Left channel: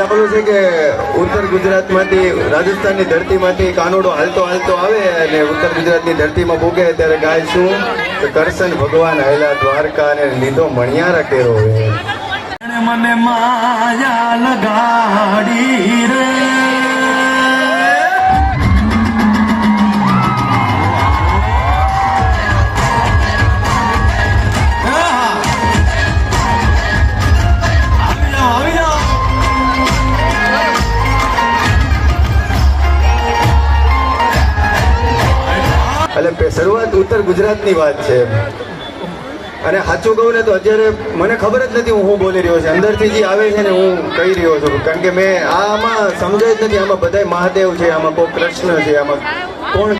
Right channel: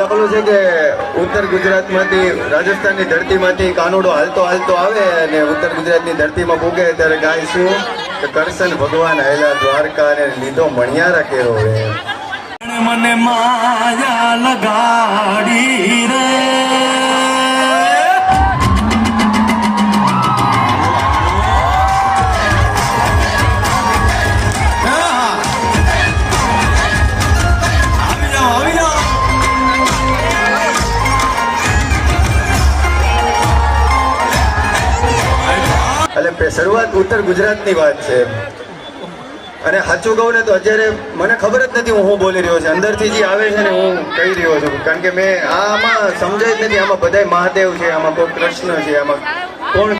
એટલે પેલું છે કે ઉત્તર ગુજરાતમાંથી રાજસ્થાનની ધરતીમાંથી કાનુડો હાલતો હાલતો આવે અને ઉત્તર ગુજરાતની ધરતીમાં પૂગે ત્યારે ગાય શું કે કરશન ભગવાન આયલા દ્વારકા ને લીધો મણિયારા કેરો મને માયા લગાડી રે એટલે શરૂઆત ઉત્તર ગુજરાતની વાત છે અને સાચું કહું ને તો અત્યારે મને ખબર જ નથી હું બોલી રહ્યો છું અંદરથી જે આવે છે ને હું કહી રહ્યો છું કારણ કે મેં આમાં સમજાય જ નથી આમાં બધાય મહાદેવ છે આમાં કોઈ કૃષ્ણ છે આમાં કોણ